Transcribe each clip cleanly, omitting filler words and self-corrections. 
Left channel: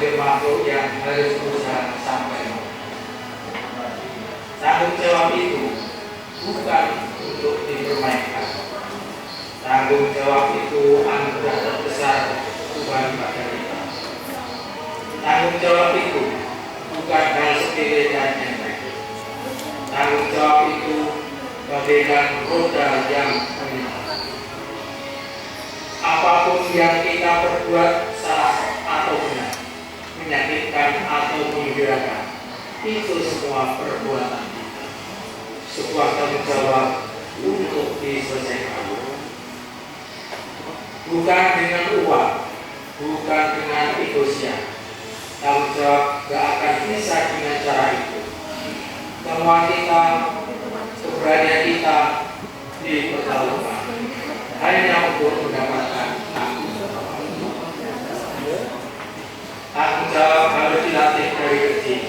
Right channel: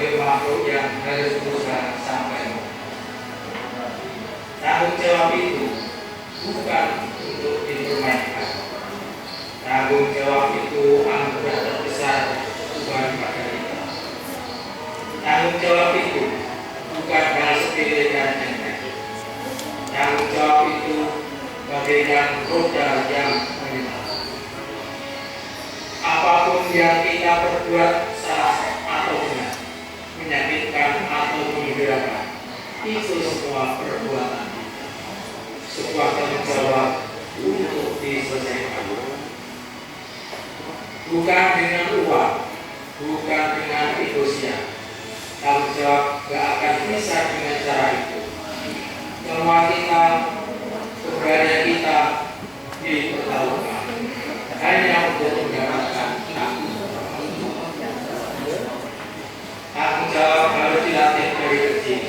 sebagai makhluk yang harus berusaha sampai. Tanggung jawab itu bukan untuk dipermainkan. Tanggung jawab itu anugerah terbesar Tuhan pada kita. Tanggung jawab itu bukan hal sepele dan enteng. Tanggung jawab itu bagaikan roda yang melintas. Apapun yang kita perbuat salah atau benar, menyakitkan atau menggembirakan, itu semua perbuatan kita. Sebuah tanggung jawab untuk diselesaikan. Bukan dengan uang, bukan dengan egosia. Tanggung jawab gak akan bisa dengan cara itu. Semua kita, keberanian kita dipertaruhkan hanya untuk mendapatkan tanggung jawab harus dilatih dari kecil.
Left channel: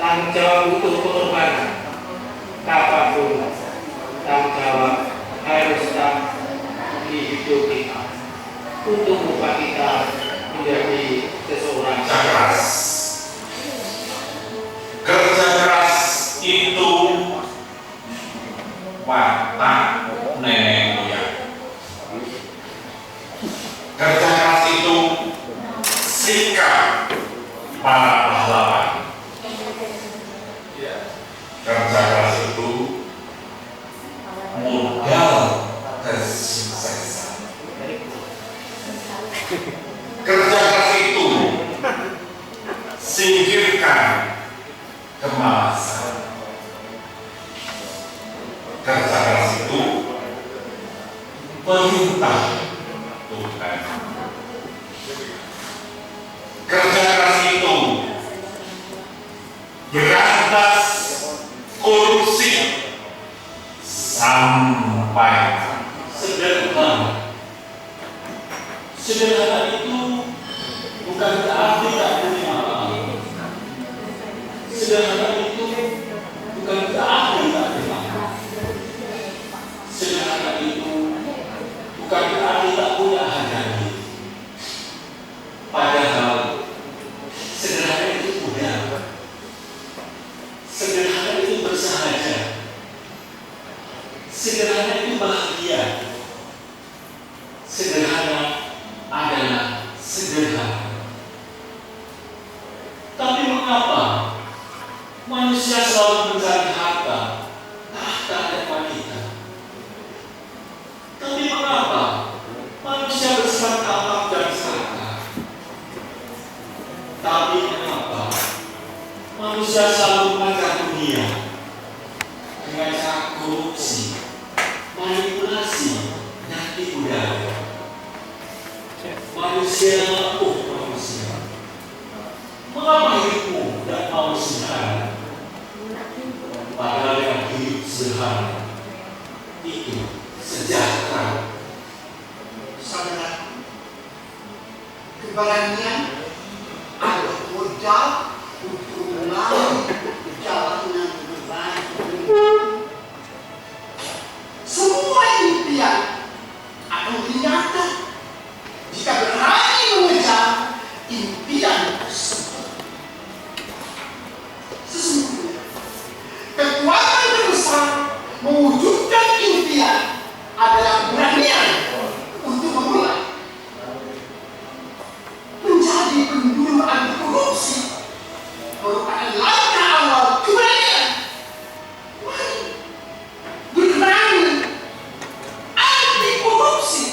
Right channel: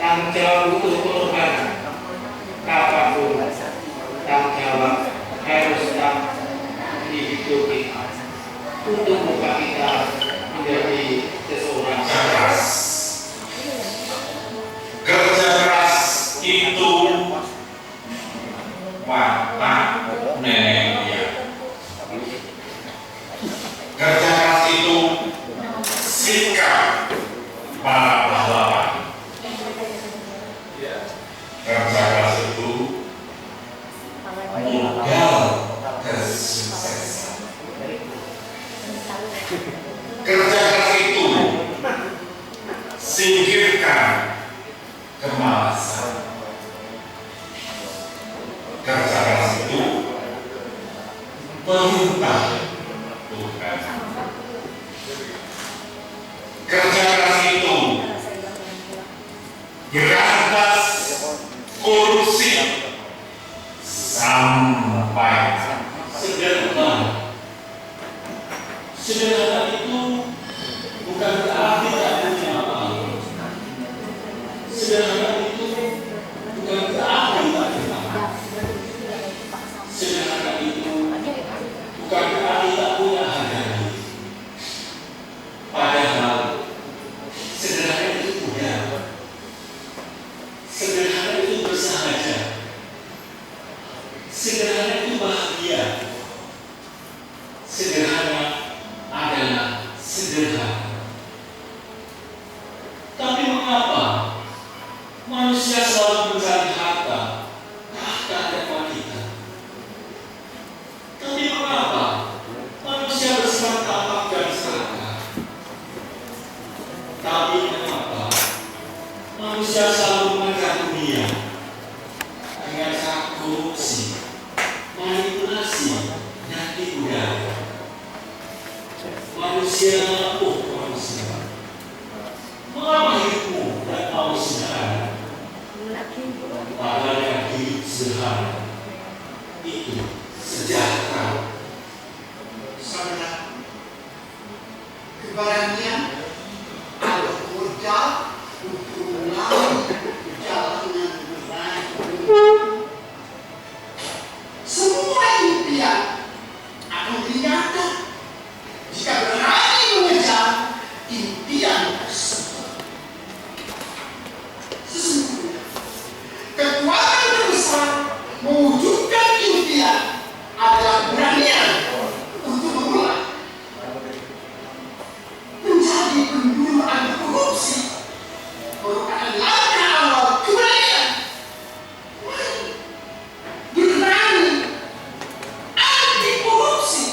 Tanggung jawab butuh pengorbanan. Kapanpun tanggung jawab harus tetap di hidup kita untuk membuat kita menjadi seseorang keras. Kerja keras itu watak nenek moyang. Kerja keras itu sikap para pahlawan. Kerja keras itu modal kesuksesan. Kerja keras itu singkirkan kemalasan. Kerja keras itu perintah Tuhan. Kerja keras itu berantas korupsi sampai sederhana. Sederhana itu bukan berarti tak punya apa-apa. Sederhana itu bukan berarti tak punya apa. Sederhana itu bukan berarti tak punya harga diri. Padahal sederhana itu mudah. Sederhana itu bersahaja. Sederhana itu bahagia. Sederhana adalah sederhana. Tapi mengapa manusia selalu mencari harta, tahta dan wanita? Tapi mengapa manusia bersikap tampak dan serakah? Tapi mengapa manusia selalu mengejar dunia dengan cara korupsi, manipulasi, dan tipu daya? Manusia manusia. Mengapa hidupmu dan mau sederhana? Padahal yang hidup sederhana itu sejahtera. Saudara, keberanian adalah modal untuk melalui perjalanan berat. Semua impian akan ternyata jika berani mengejar impian tersebut. Sesungguhnya kekuatan terbesar mewujudkan impian adalah keberanian untuk memulai. Menjadi pendulu anti korupsi merupakan langkah awal keberanian. Mari berani anti korupsi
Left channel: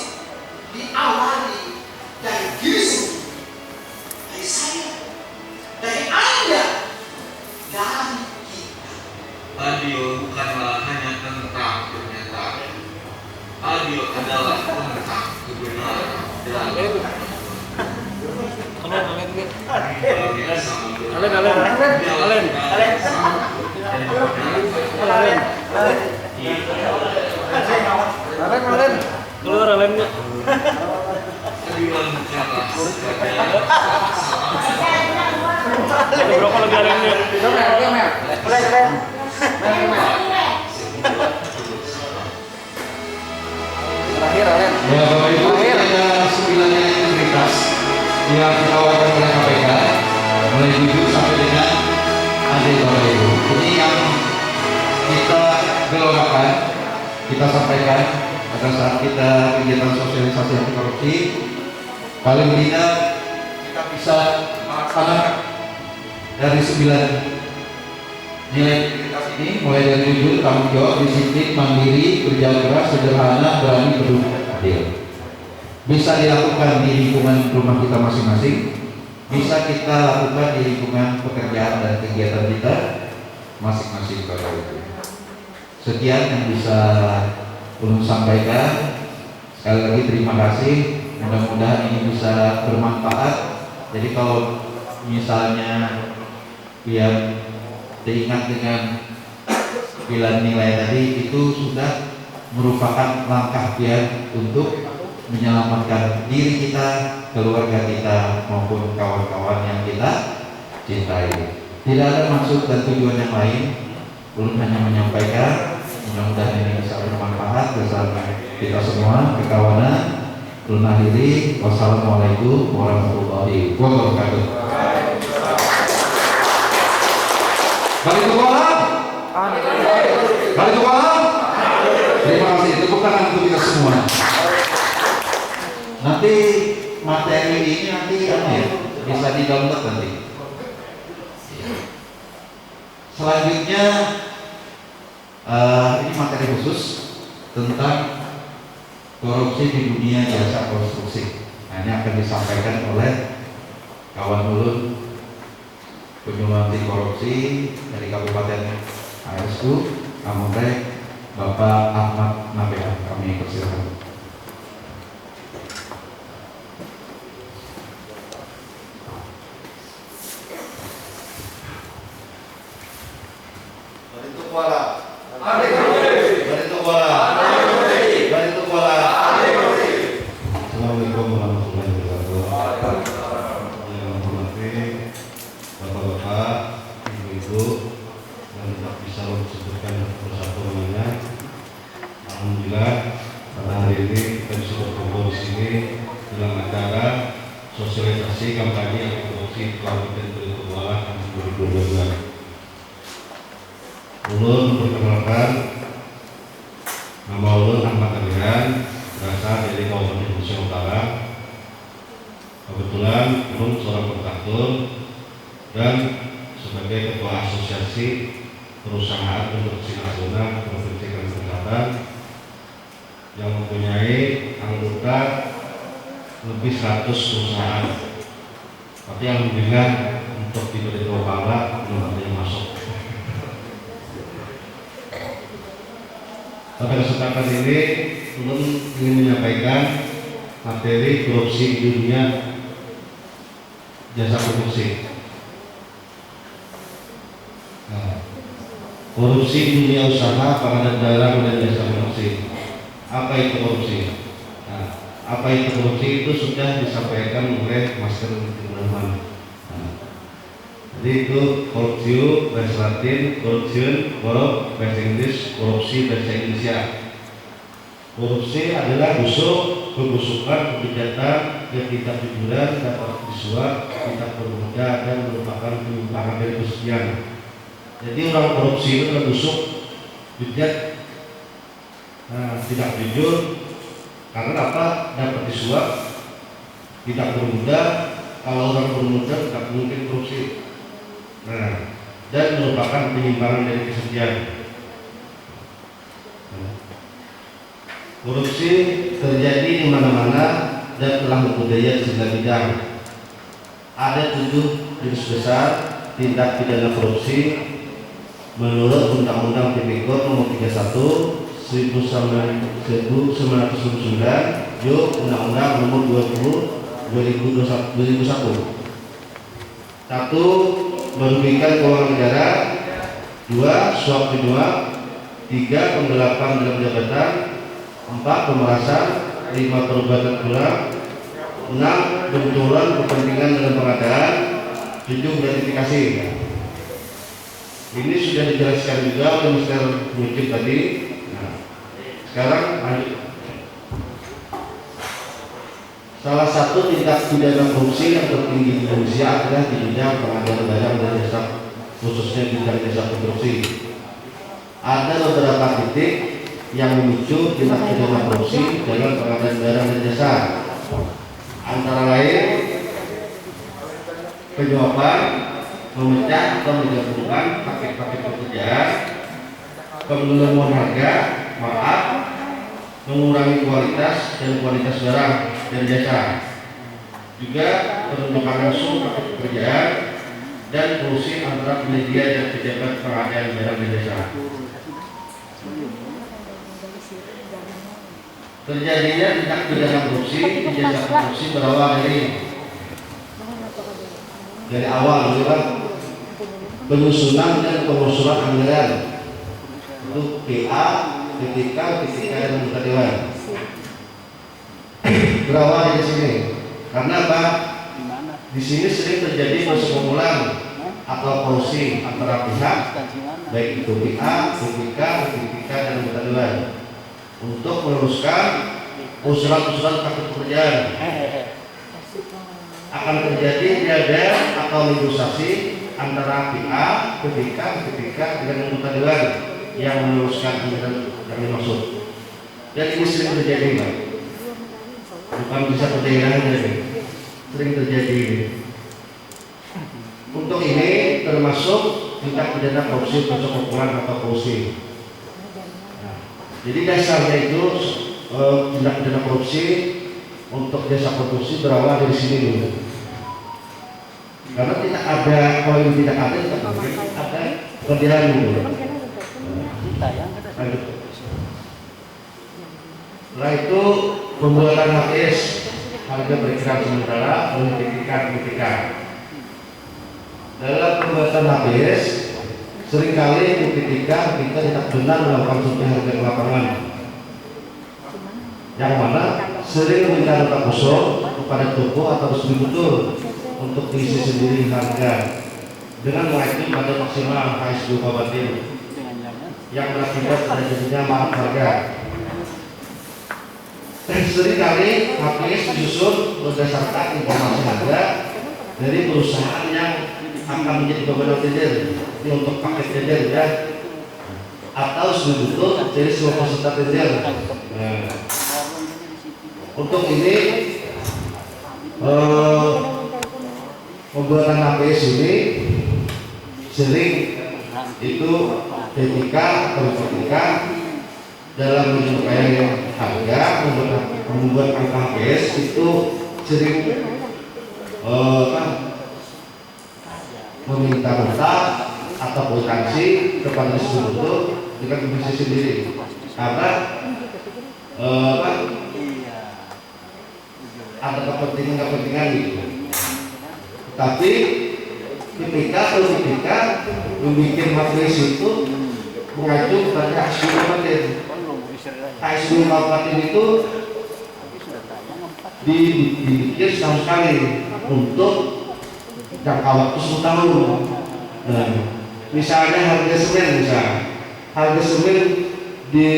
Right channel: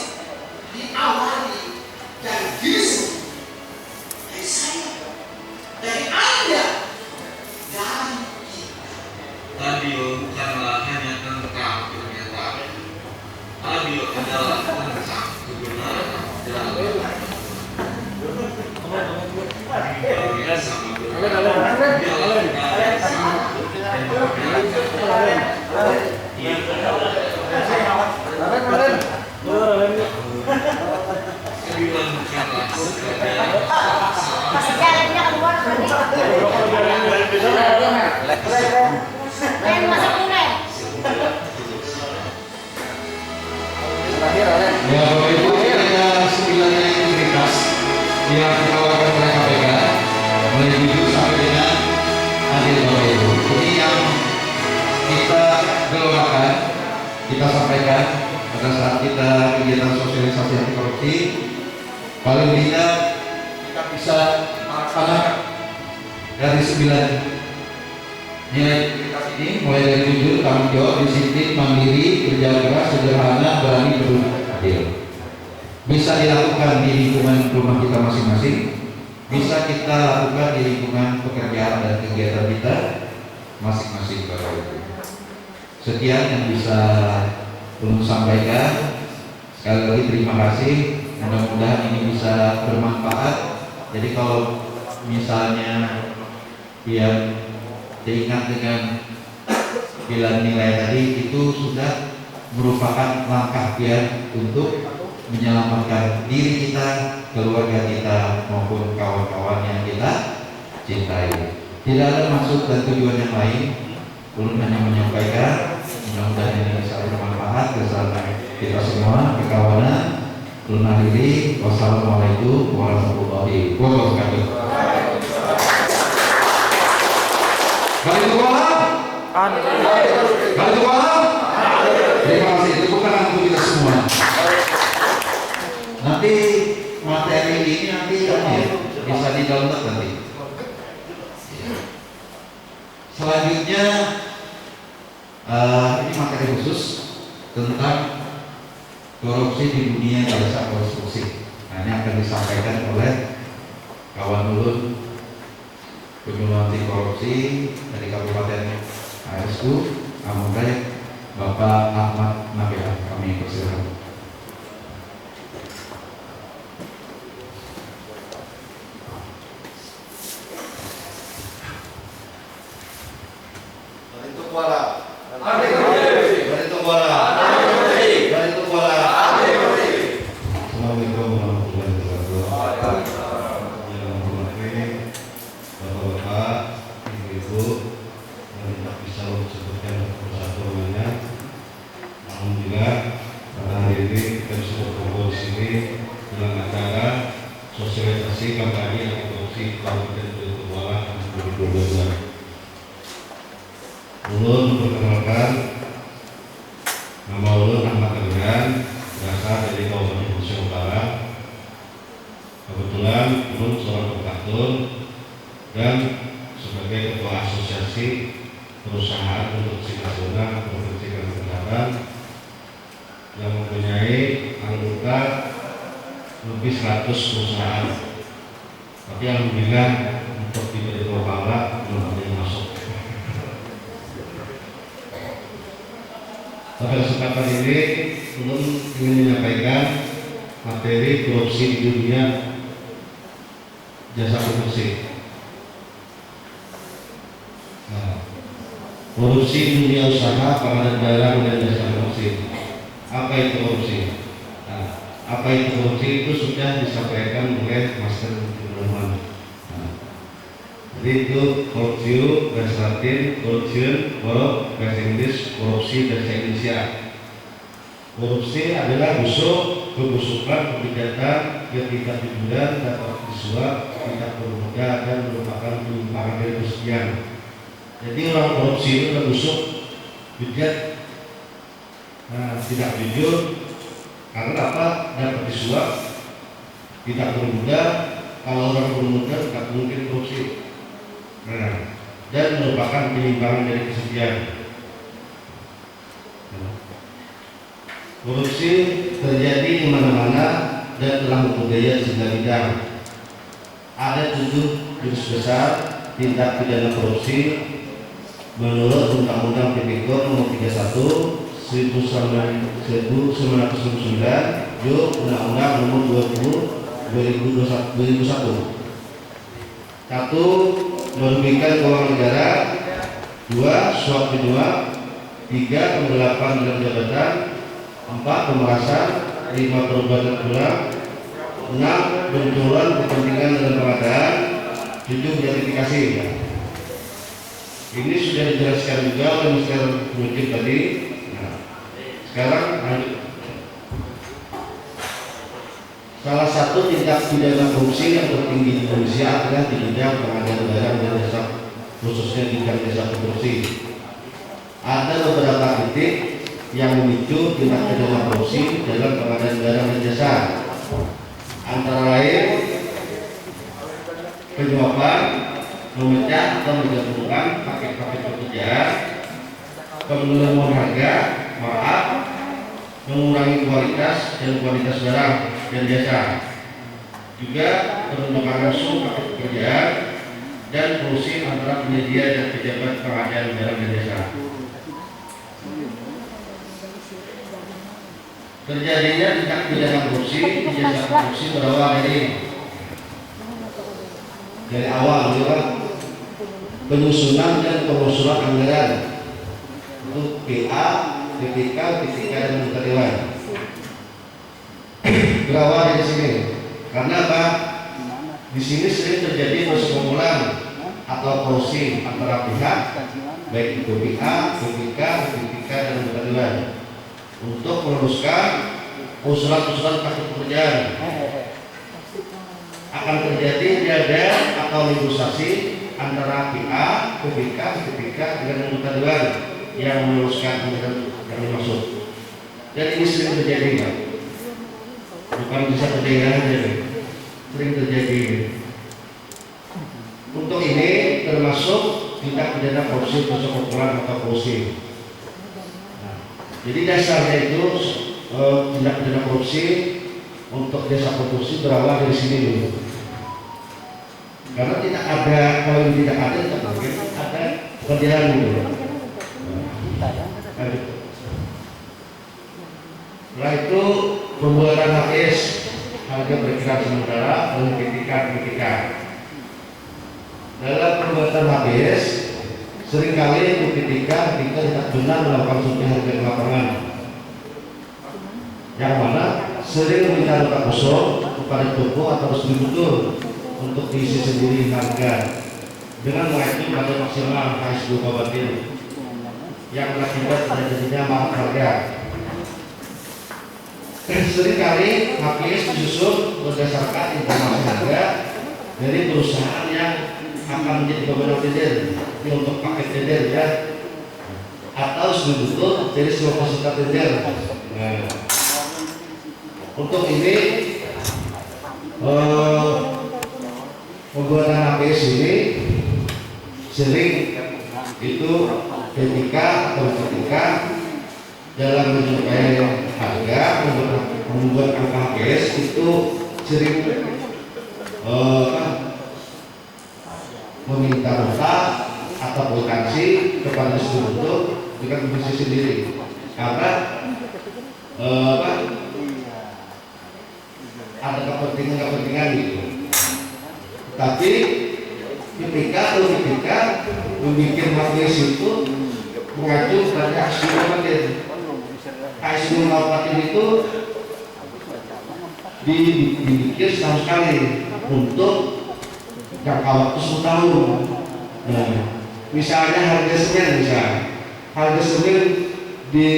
diawali dari diri sendiri, dari saya, dari Anda, dari kita. Radio bukanlah hanya tentang pernyataan. Radio adalah tentang kebenaran dan Ya, Bapak Ibu, kita 9 integritas yang sampaikan pada saat kita kegiatan sosialisasi anti korupsi, paling tidak kita bisa melaksanakan dari 9 nilai integritas ini, mulai dari jujur, tanggung jawab, disiplin, mandiri, kerja keras, sederhana, berani, berhubungan, adil. Bisa dilakukan di lingkungan rumah kita masing-masing, bisa kita lakukan di lingkungan pekerjaan dan kegiatan kita masing-masing. Sekian yang bisa Ulun sampaikan. Sekali lagi terima kasih. Mudah-mudahan ini bisa bermanfaat. Jadi kalau misalnya biar diingat dengan 9 nilai tadi, itu sudah merupakan langkah biar untuk menyelamatkan diri kita, keluarga kita, maupun kawan-kawan yang kita cintai. Tidak ada maksud dan tujuan yang lain. Ulun hanya menyampaikan, mudah-mudahan ini bisa bermanfaat bersama kita semua, kekawanan. Ulun akhiri, wassalamualaikum warahmatullahi wabarakatuh. Balik ke kolam. Balik ke kolam. Terima kasih. Tepuk tangan untuk kita semua. Nanti materi ini nanti bisa di-download nanti. Selanjutnya ini materi khusus tentang korupsi di dunia jasa konstruksi. Nah, ini akan disampaikan oleh kawan Ulun penyuluh anti korupsi dari Kabupaten ASU Amore, Bapak Ahmad Nabila. Kami persilakan. Sosialisasi kampanye anti korupsi Kabupaten Pelituwala 2022. Ulun perkenalkan, nama Ulun Ahmad Adrian, berasal dari Kabupaten Pelituwala Utara. Kebetulan Ulun seorang kontraktor dan sebagai ketua asosiasi perusahaan konstruksi nasional Provinsi Kalimantan Selatan yang mempunyai anggota lebih 100 perusahaan, tapi alhamdulillah untuk di Pelituwala belum ada yang masuk. Pada kesempatan ini Ulun ingin menyampaikan materi korupsi di dunia jasa konstruksi. Korupsi di dunia usaha, pengadaan barang dan jasa konstruksi. Apa itu korupsi? Apa itu korupsi itu sudah disampaikan oleh Master Timmerman. Jadi itu korupsi bahasa Latin, corruption, korup bahasa Inggris, korupsi bahasa Indonesia. Korupsi adalah busuk, kebusukan, kejahatan yang tidak jujuran, dapat disuap, tidak bermudah dan merupakan penyimpangan dari kesucian. Jadi orang korupsi itu adalah busuk, bejat, tidak jujur. Karena apa? Dapat disuap, tidak bermudah. Kalau orang bermudah tidak mungkin korupsi. Dan merupakan penyimpangan dari kesucian. Korupsi terjadi di mana-mana dan telah membudaya di segala bidang. Ada 7 jenis besar tindak pidana korupsi menurut Undang-Undang Tipikor Nomor 31 1999, yuk Undang-Undang Nomor 20 2001. 1. Merugikan keuangan negara. 2. Suap menyuap. 3. Penggelapan dalam jabatan. 4. Pemerasan. 5. Perbuatan curang. 6. Benturan kepentingan dalam pengadaan. 7. Gratifikasi. Ini sudah dijelaskan juga oleh Mr. Mujib tadi. Sekarang salah satu tindak pidana korupsi yang tertinggi di Indonesia adalah di bidang pengadaan barang dan jasa, khususnya di bidang jasa korupsi. Ada beberapa titik yang memicu tindak pidana korupsi dalam pengadaan barang dan jasa, antara lain penyuapan, memecah atau menggabungkan paket-paket pekerjaan, penggelembungan harga, markup, mengurangi kualitas dan kualitas barang dan jasa, juga penunjukan langsung paket pekerjaan dan kolusi antara penyedia dan pejabat pengadaan barang dan jasa. Terjadinya tindak pidana korupsi di jasa korupsi berawal dari awal juga penyusunan dan pengusulan anggaran untuk PA, PPK, dan anggota dewan. Berawal dari sini. Karena apa? Di sini sering terjadi persekongkolan atau kolusi antara pihak, baik itu PA, PPK, dan anggota dewan, untuk meneruskan usulan-usulan paket pekerjaan. Akan terjadi diadaan atau negosiasi antara PA, PPK, dengan anggota dewan yang meneruskan anggaran yang dimaksud. Dan ini sering terjadi, Pak. Bukan bisa terjadi, sering terjadi. Untuk ini termasuk tindak pidana korupsi, persekongkolan atau kolusi. Jadi dasarnya itu tindak pidana korupsi untuk jasa korupsi berawal dari sini dulu. Karena tidak ada, kalau ini tidak ada, ada kerjaan dulu. Setelah itu pembuatan HPS, harga berikat sementara oleh PPK. Dalam pembuatan HPS, seringkali PPK tidak benar melakukan survei harga di lapangan, yang mana sering meminta data kosong kepada toko atau distributor untuk diisi sendiri harga dengan mengacu pada maksimal HSG Kabupaten yang berakibat terjadinya mahal harga. Seringkali HPS disusun berdasarkan informasi harga dari perusahaan yang akan menjadi pemenang tender untuk paket tender ya, atau distributor dari semua peserta tender. Nah, untuk ini pembuatan HPS ini sering itu ketika atau ketika dalam menyesuaikan harga membuat angka HPS itu sering meminta atau potensi kepada distributor dengan bisnis sendiri, karena ada kepentingan gitu. Tapi ketika membuat HPS itu mengacu pada HSG Kabupaten. HSG Kabupaten itu dibikin setahun sekali untuk jangka waktu 10 tahun. Nah, misalnya harga semen di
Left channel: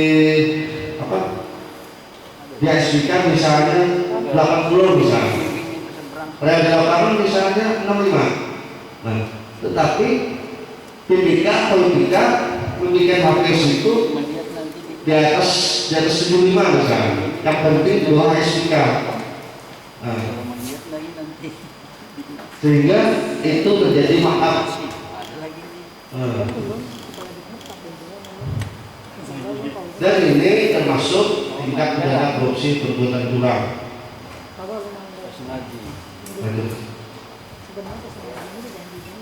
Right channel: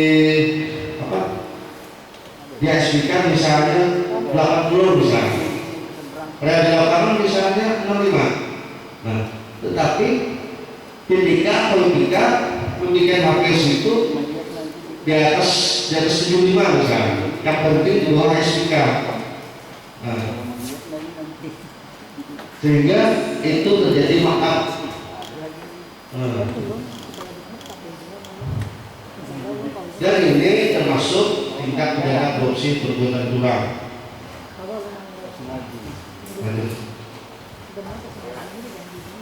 HSBK misalnya 80 misalnya, pada lapangan misalnya 65. Nah, tetapi PPK memberikan HPS itu di atas 75 misalnya. Yang penting di bawah HSBK. Nah, sehingga itu terjadi markup. Dan ini termasuk tindak pidana korupsi perbuatan curang.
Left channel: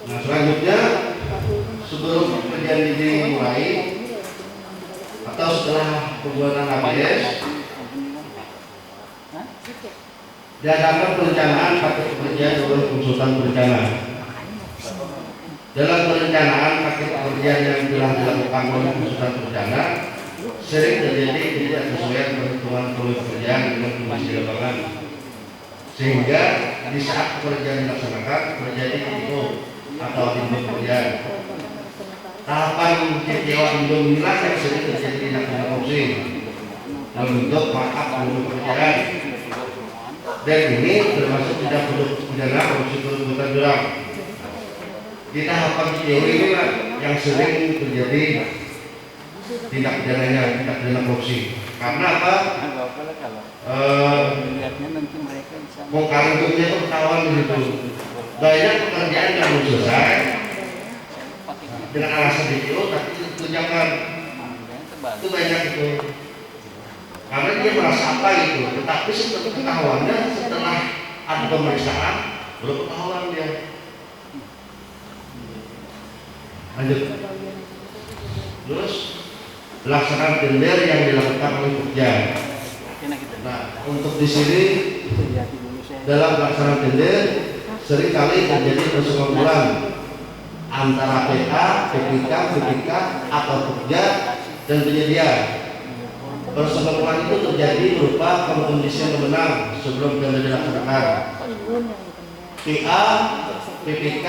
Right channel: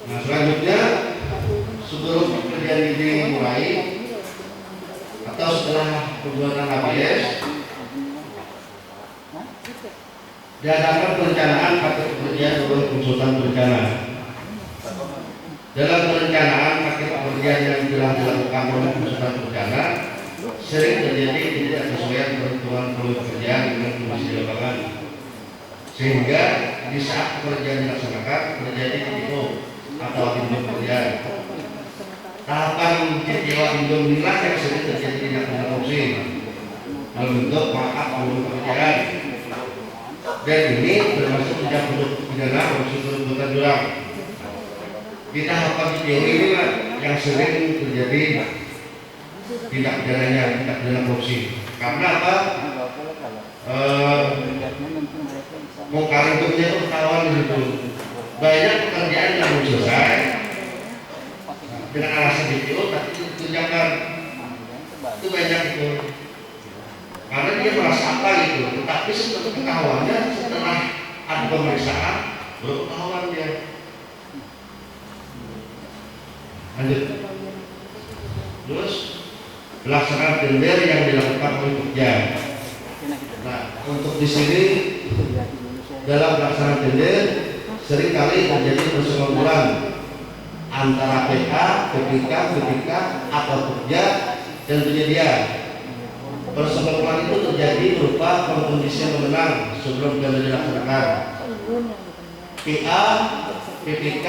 Nah, selanjutnya sebelum kejadian ini dimulai atau setelah pembuatan HPS, diadakan perencanaan paket pekerjaan oleh konsultan berencana. Dalam perencanaan paket pekerjaan yang telah dilakukan oleh konsultan berencana, sering terjadi ketidaksesuaian perhitungan peluang pekerjaan dengan kondisi lapangan, sehingga di saat pekerjaan dilaksanakan terjadi TTO atau tindak pekerjaan. Tahapan TTO inilah yang sering terjadi tindak pidana korupsi dalam bentuk markup peluang pekerjaan. Dan ini termasuk tindak pidana korupsi perbuatan curang. Di tahapan TTO ini yang sering terjadi tindak pidananya, tindak pidana korupsi. Karena apa? Bongkar induknya itu ketahuan di situ. Banyak pekerjaan yang belum selesai dengan alasan DPO, tapi itu jangan. Itu banyak itu. Karena dia merasa apa gitu, tetapi setelah ketahuannya, setelah ada pemeriksaan, baru ketahuan dia. Lanjut. Terus pelaksanaan tender yang dilakukan oleh Pokja. Nah, untuk di sini dalam pelaksanaan tender seringkali terjadi persekongkolan antara PA, PPK, BPK atau Pokja dan penyedia. Persekongkolan itu terjadi berupa pengkondisian pemenang sebelum tender dilaksanakan. PA, PPK,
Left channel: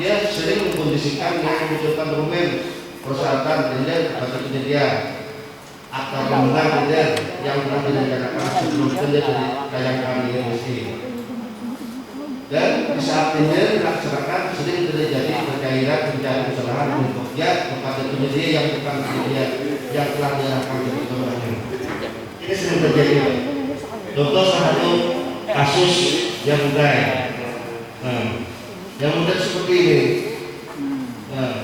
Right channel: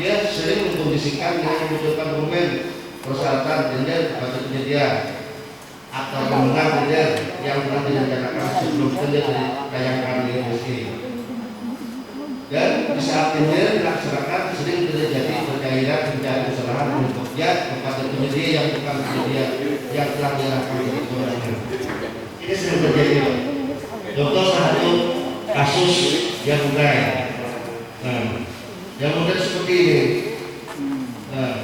dia sering mengkondisikan dengan membutuhkan dokumen persyaratan tender kepada penyedia atau pemenang tender yang telah direncanakan sebelum tender ditayangkan di industri. Dan di saat tender dilaksanakan sering terjadi percairan pencarian kesalahan dari Pokja kepada penyedia yang bukan penyedia yang telah diarahkan dari kemenangan. Ini sering terjadi. Contoh satu kasus yang mudah. Nah, yang mudah seperti ini. Nah,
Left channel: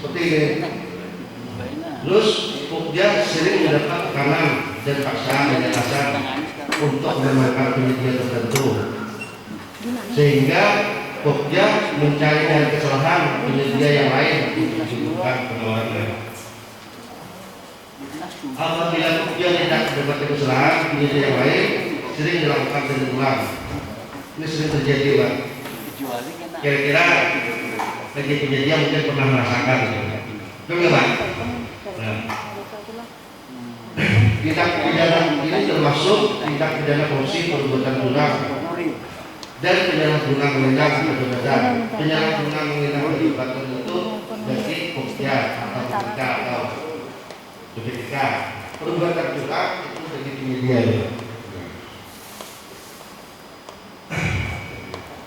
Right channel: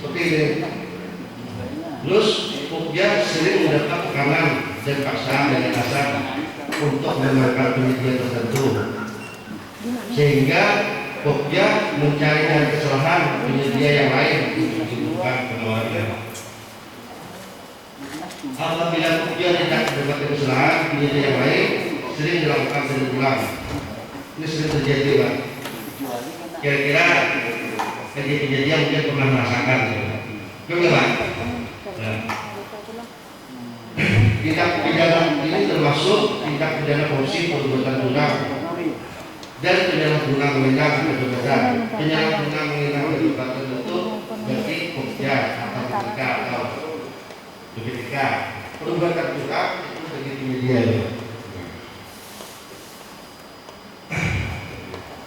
seperti ini. Terus Pokja sering mendapat tekanan dan paksaan dari atasan untuk memenangkan penyedia tertentu, sehingga Pokja mencari dari kesalahan penyedia yang lain untuk dibutuhkan penawarnya. Apabila Pokja tidak mendapatkan kesalahan penyedia yang lain, sering dilakukan tender ulang. Ini sering terjadi, Pak. Kira-kira penyedia mungkin pernah merasakan, betul, Pak? Nah, tindak pidana ini termasuk tindak pidana korupsi perbuatan curang dan pidana curang menghilangkan kebebasan. Penyalahgunaan menghilangkan kebebasan itu bagi Pokja atau BPK atau BPK. Perbuatan curang itu bagi penyedia.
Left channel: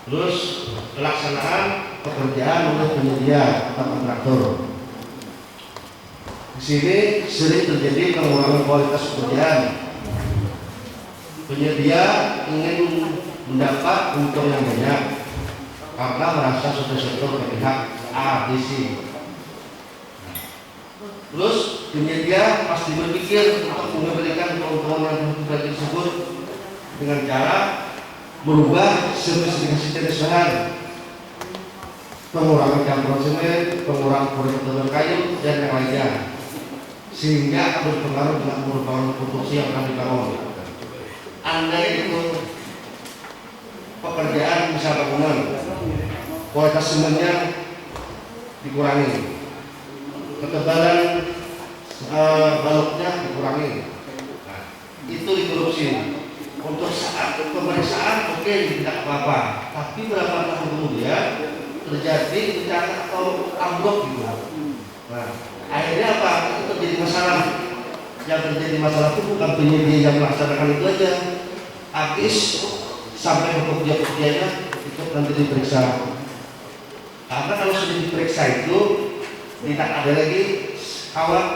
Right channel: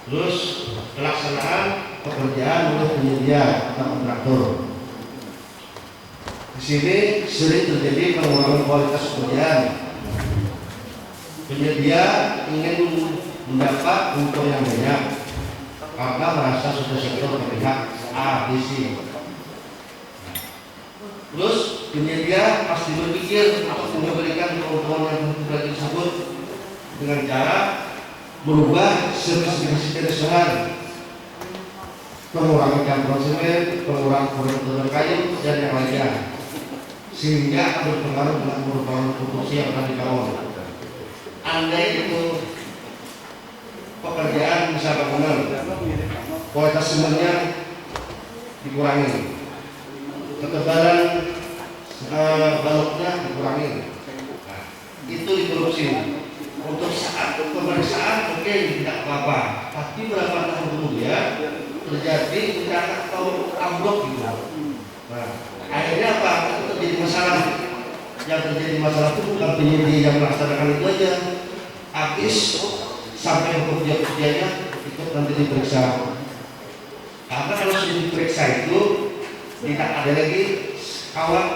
Terus pelaksanaan pekerjaan oleh penyedia atau kontraktor. Di sini sering terjadi pengurangan kualitas pekerjaan. Penyedia ingin mendapat untung yang banyak karena merasa sudah sektor berpihak A, B, C. Terus penyedia pasti berpikir untuk memberikan keuntungan yang sudah disebut dengan cara merubah spesifikasi perusahaan, pengurangan campuran semen, pengurangan kualitas kayu dan yang lainnya, sehingga akan berpengaruh dengan merupakan produksi yang akan dibangun. Andai itu pekerjaan bisa bangunan, kualitas semennya dikurangi, ketebalan baloknya dikurangi, nah, itu dikorupsi. Untuk saat pemeriksaan oke, tidak apa-apa, tapi berapa tahun kemudian terjadi bencana atau ambruk gitu. Nah, akhirnya apa? Itu terjadi masalah. Yang terjadi masalah itu bukan penyedia yang melaksanakan itu aja, habis sampai pekerja-pekerjanya itu nanti diperiksa. Karena kalau sudah diperiksa itu tidak ada lagi kawan,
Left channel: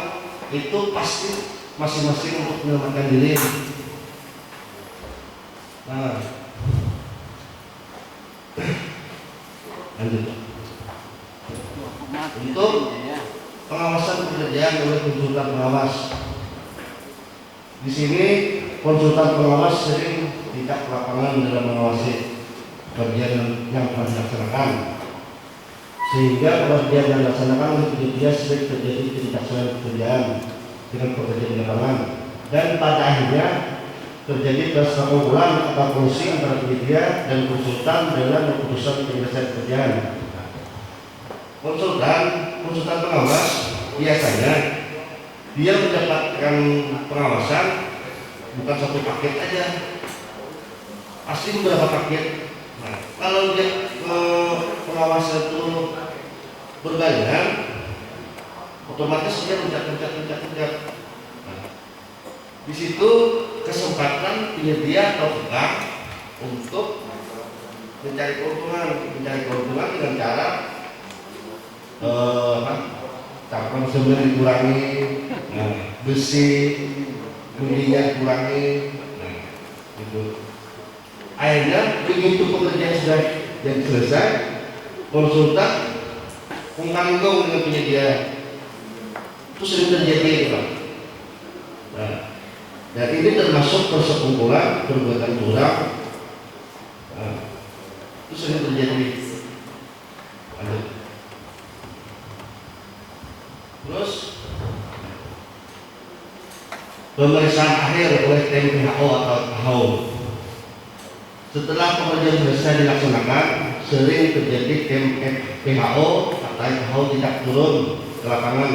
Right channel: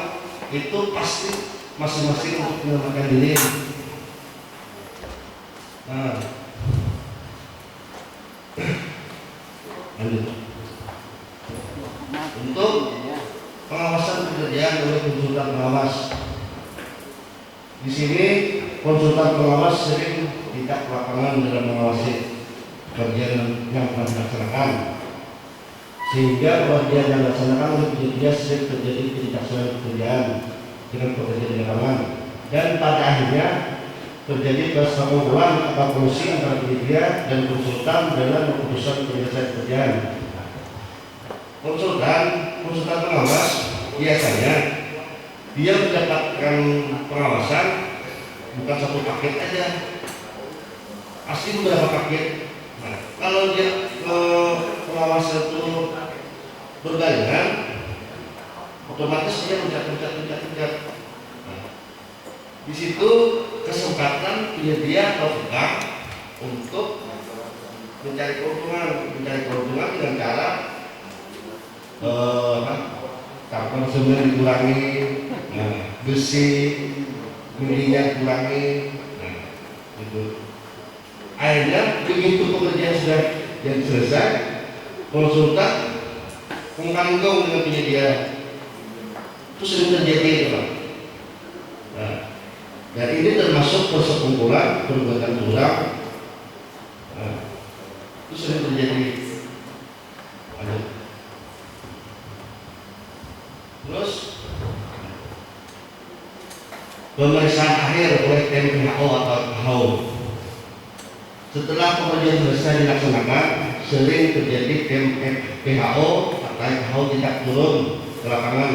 itu pasti masing-masing untuk menyelamatkan diri. Nah, lanjut. Untuk pengawasan pekerjaan oleh konsultan pengawas. Di sini konsultan pengawas sering tidak ke lapangan dalam mengawasi pekerjaan yang telah dilaksanakan, sehingga pekerjaan yang dilaksanakan oleh penyedia sering terjadi ketidaksesuaian pekerjaan dengan pekerjaan di lapangan, dan pada akhirnya terjadi persekongkolan atau kolusi antara penyedia dan konsultan dalam keputusan penyelesaian pekerjaan. Konsultan pengawas biasanya dia mendapatkan pengawasan bukan satu paket aja, pasti beberapa paket. Nah, kalau dia pengawasan itu berbarengan, otomatis dia pencet. Nah, di situ kesempatan penyedia atau bank untuk mencari keuntungan dengan cara tampang semen dikurangi, besi guntingan dikurangi, gitu. Akhirnya begitu pekerjaan sudah yang selesai, konsultan mengganggu dengan penyedia. Itu sering terjadi itu Pak. Nah, dan ini termasuk persekongkolan perbuatan curang. Nah, itu sering terjadi. Terus pemeriksaan akhir oleh tim WHO atau WHO. Setelah pekerjaan selesai dilaksanakan, sering terjadi tim WHO atau WHO tidak turun ke lapangan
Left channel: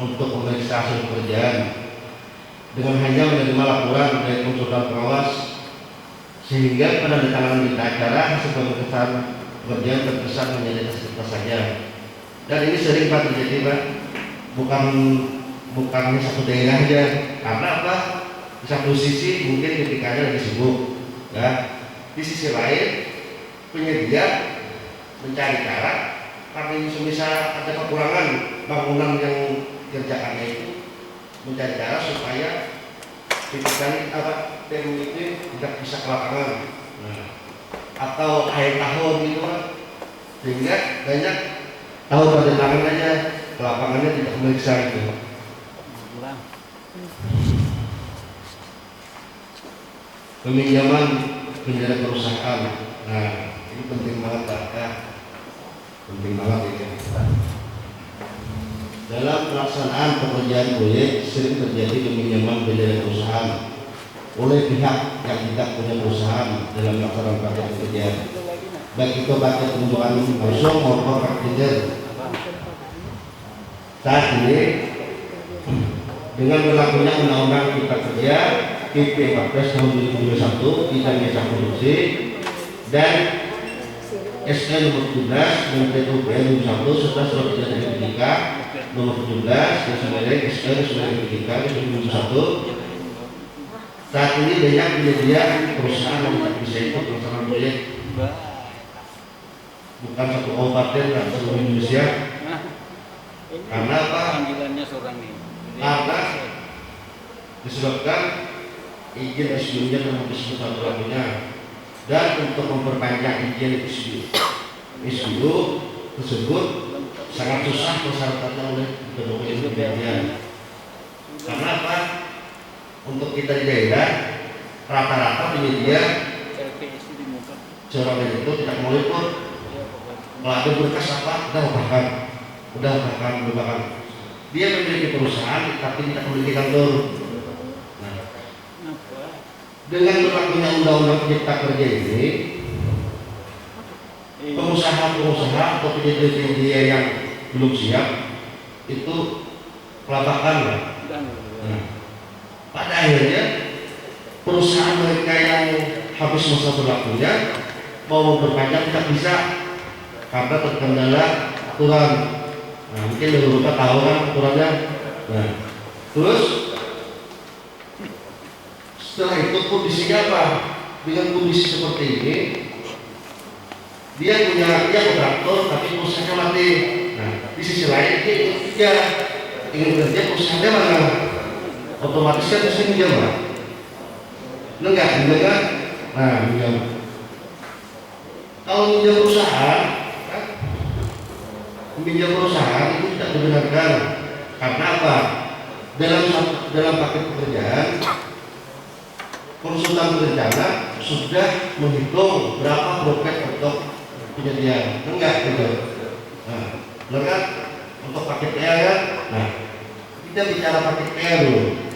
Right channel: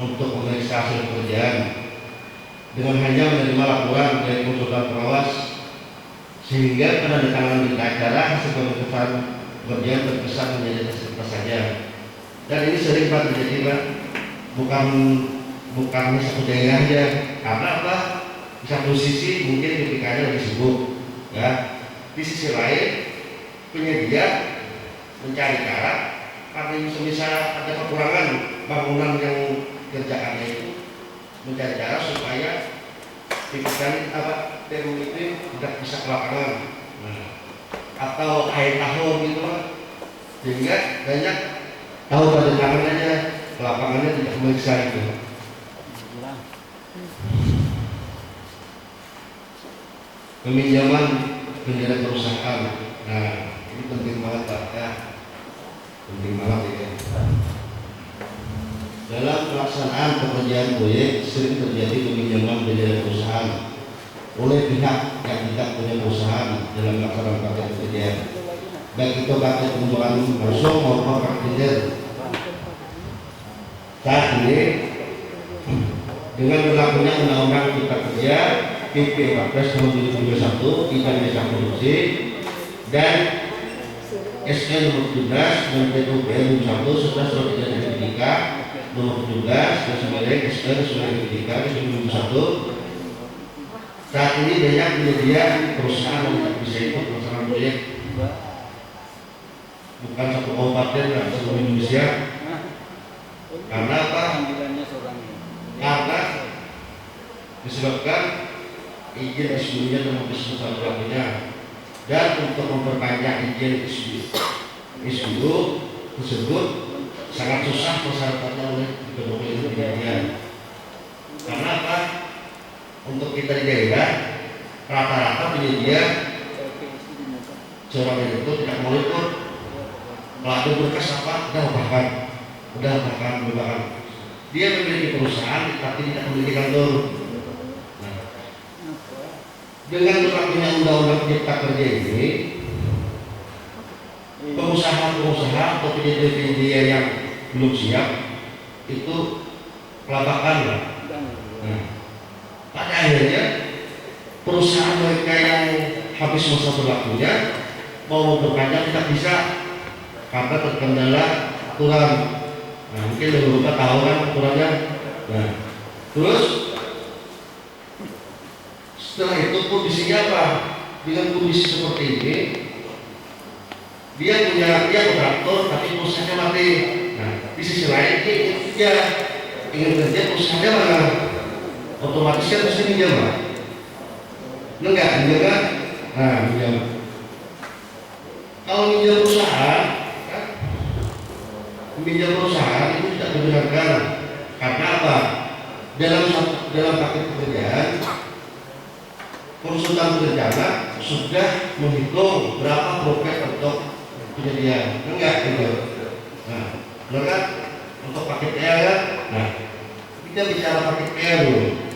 untuk memeriksa hasil pekerjaan dengan hanya menerima laporan dari konsultan pengawas, sehingga penandatanganan berita acara hasil pemeriksaan pekerjaan terkesan menjadi kertas saja. Dan ini sering Pak terjadi Pak, bukan satu daerah aja, karena apa? Di satu sisi mungkin ketikanya lebih sibuk, ya. Di sisi lain penyedia mencari cara, karena semisal ada kekurangan bangunan yang kerjaannya itu, mencari cara supaya tipikan tim ini tidak bisa ke lapangan, atau akhir tahun gitu Pak, sehingga banyak tahu pada tangan aja, ke lapangannya tidak memeriksa itu. Peminjaman perusahaan, nah ini penting banget Pak, ya. Penting banget ya. Dalam pelaksanaan pekerjaan proyek sering terjadi peminjaman perusahaan oleh pihak yang tidak punya perusahaan dalam pelaksanaan paket pekerjaan, baik itu paket penjualan langsung maupun paket. Saat ini dengan berlakunya Undang-Undang Cipta Kerja PP 14 tahun 2021 tentang jasa produksi dan SK nomor 17 dan PUPR 21 serta surat edaran Kementerian nomor 17 dan sebagai SK surat Kementerian 2021. Saat ini banyak penyedia perusahaan yang tidak bisa ikut pelaksanaan proyek, bukan satu kabupaten dan seluruh Indonesia. Karena apa? Karena disebabkan izin SBU-nya terputus satu-satunya, dan untuk memperpanjang izin SBU tersebut sangat susah persyaratannya oleh kementerian. Karena apa? Untuk kita di daerah rata-rata penyedia seorang itu tidak mau ikut. Kalau ada berkas apa, udah bahkan dia memiliki perusahaan tapi tidak memiliki kantor. Nah, dengan berlakunya Undang-Undang Cipta Kerja ini, pengusaha-pengusaha atau penyedia yang belum siap itu kelabakan. Nah, pada akhirnya perusahaan mereka yang habis masa berlakunya mau memperpanjang tidak bisa karena terkendala aturan. Nah, mungkin beberapa tahu kan aturannya. Nah, terus setelah itu kondisinya apa? Dengan kondisi seperti ini, dia kontraktor tapi perusahaannya mati. Nah, di sisi lain dia ingin kerja, perusahaannya mana? Otomatis kan mesti minjam Pak. Enggak? Nah, minjam. Kalau minjam perusahaan, meminjam perusahaan itu tidak dibenarkan. Karena apa? Dalam paket pekerjaan, konsultan berencana sudah menghitung berapa profit untuk penyediaan. Enggak gitu. Nah, benar kan? Untuk paket PR kan? Nah, kita bicara paket PR dulu.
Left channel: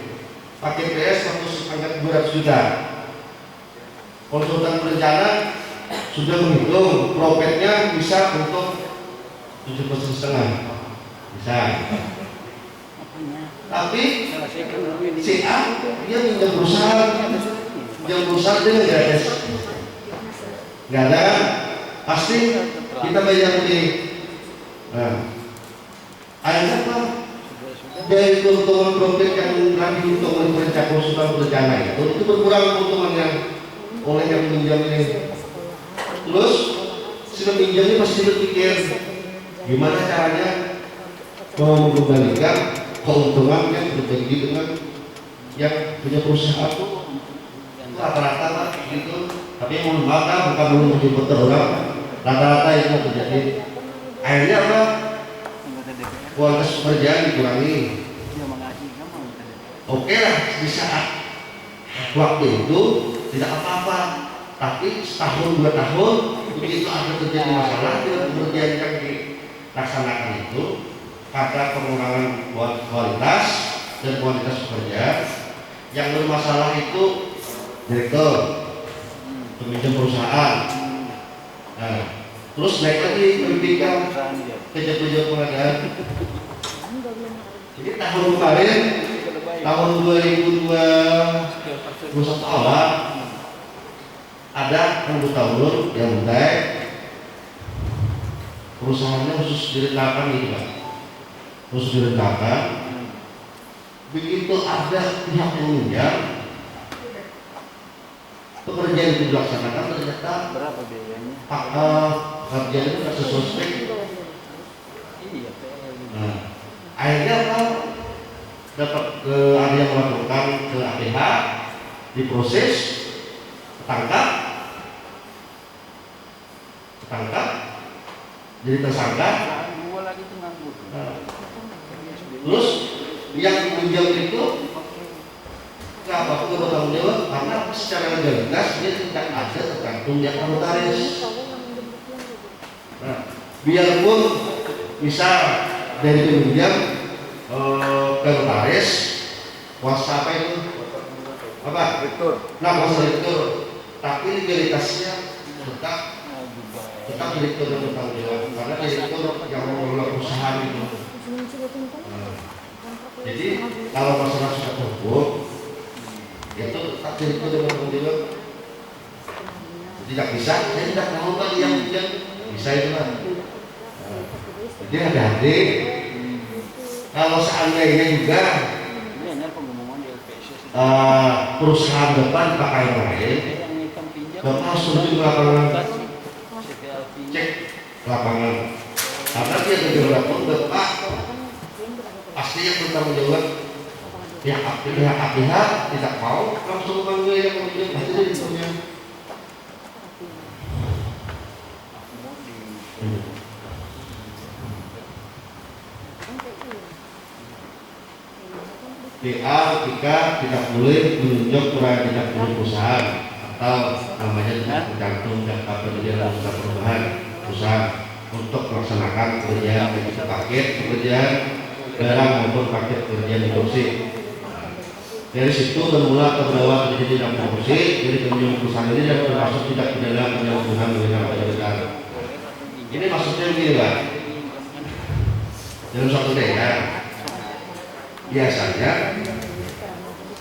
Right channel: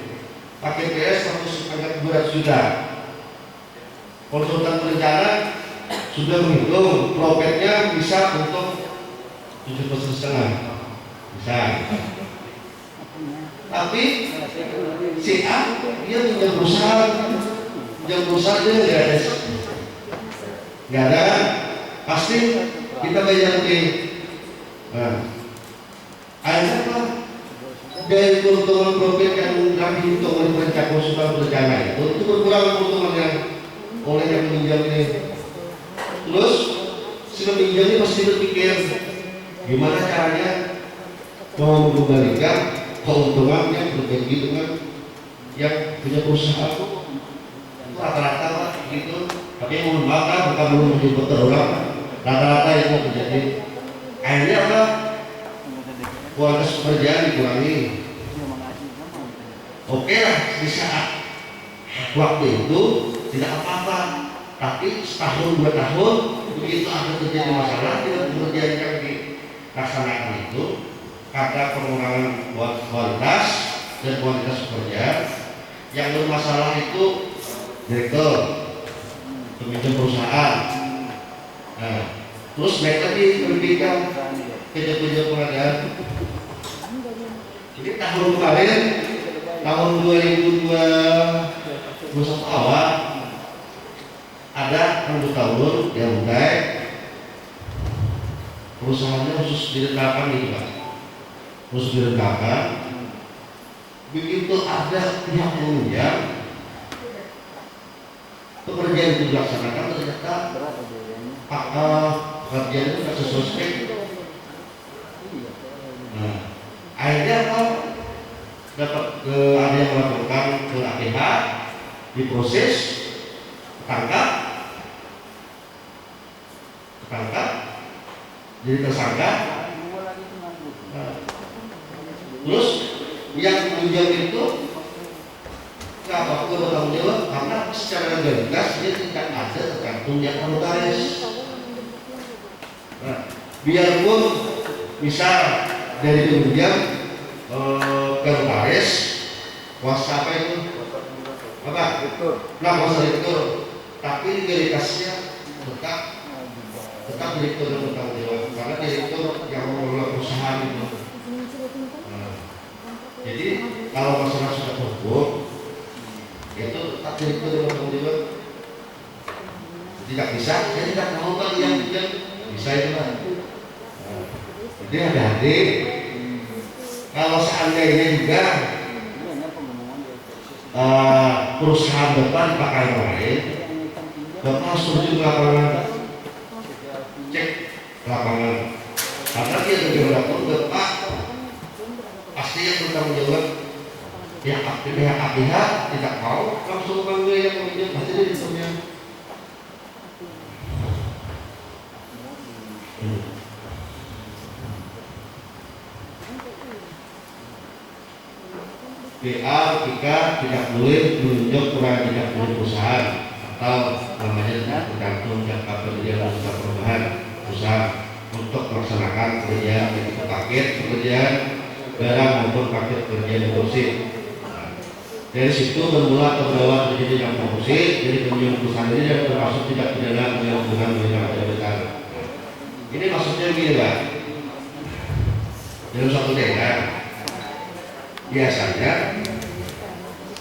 Paket PR 100 juta. Konsultan berencana sudah menghitung profitnya bisa untuk 7,5% bisa. Tapi si A dia pinjam perusahaan dia nggak ada kan? Pasti kita bayar lebih. Nah, akhirnya apa? Dari keuntungan profit yang lagi dihitung oleh perencana konsultan berencana itu berkurang keuntungan yang oleh yang meminjam ini. Terus si peminjam ini pasti berpikir gimana caranya mengembalikan keuntungan yang berbagi dengan yang punya perusahaan. Itu rata-rata Pak gitu. Tapi yang membakar bukan menyebut orang, rata-rata itu terjadi. Akhirnya apa? Kualitas pekerjaan dikurangi. Oke lah, di saat waktu itu tidak apa-apa, tapi setahun 2 tahun begitu ada terjadi masalah dengan pekerjaan yang dilaksanakan itu, pada pengurangan kualitas dan kualitas pekerjaan. Yang bermasalah itu direktur, pemimpin perusahaan. Nah, terus naik lagi pendidikan kerja-kerja pengadaan. Jadi tahun kemarin, tahun 2021 awal, ada anggota UNUR yang baik, perusahaannya khusus direndahkan gitu Pak, khusus direndahkan. Begitu ada pihak yang minjam, pekerjaan itu dilaksanakan, ternyata pekerjaan itu tidak sesuai spek. Nah, akhirnya apa? Dapat ada yang melaporkan ke APH, diproses, ketangkap, jadi tersangka. Nah, terus yang minjam itu nggak bakal bertanggung jawab karena secara legalitas dia tidak ada tergantung yang notaris. Nah, biarpun misal dari peminjam ke notaris, kuasa apa itu? Apa? Nah, kuasa direktur, tapi legalitasnya tetap direktur yang bertanggung jawab karena direktur yang mengelola perusahaan itu. Jadi kalau masalah sudah terhukum, itu tetap direktur yang bertanggung jawab. Tidak bisa, saya tidak tahu kan yang bisa itu kan. Jadi hati-hati. Kalau seandainya juga perusahaan depan pakai yang lain, Bapak harus turun ke lapangan, cek lapangan. Karena dia bergerak pun Bapak pasti yang bertanggung jawab. Pihak APH tidak mau langsung memanggil yang meminjam, pasti dia dipanggil. BA jika tidak boleh menunjuk proyek tidak boleh perusahaan atau namanya tidak tergantung jangka pekerjaan dan usaha perubahan perusahaan untuk melaksanakan pekerjaan yaitu paket pekerjaan barang maupun paket pekerjaan produksi. Dari situ bermula terbawa terjadi dalam produksi. Jadi penunjuk perusahaan ini yang termasuk tidak pidana penyalahgunaan dengan jabatan. Ini maksudnya begini Pak, dalam suatu daerah biasanya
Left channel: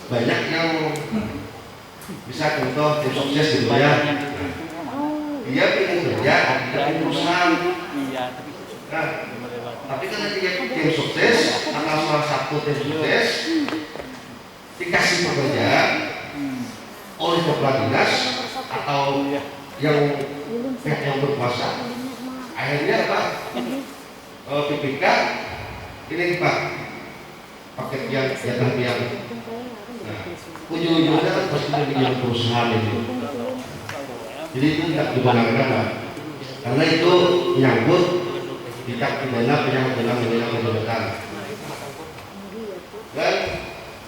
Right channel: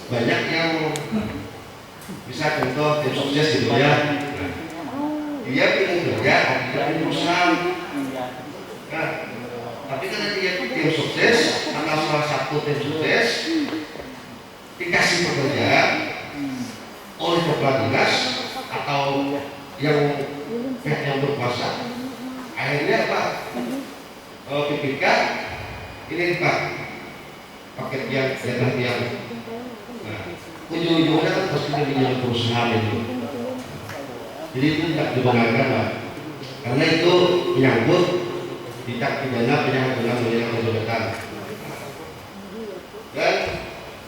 banyak yang bisa contoh tim sukses gitu ya, dia ingin kerja di perusahaan. Nah, tapi karena dia tim sukses atau salah satu tim sukses dikasih pekerjaan oleh kepala dinas atau yang pihak yang berkuasa, akhirnya Pak PPK ini Pak paket yang jatah yang, nah, ujung-ujungnya kan pasti dia perusahaan itu. Jadi itu tidak dibenarkan Pak, karena itu menyangkut tindak pidana penyalahgunaan jabatan. Dan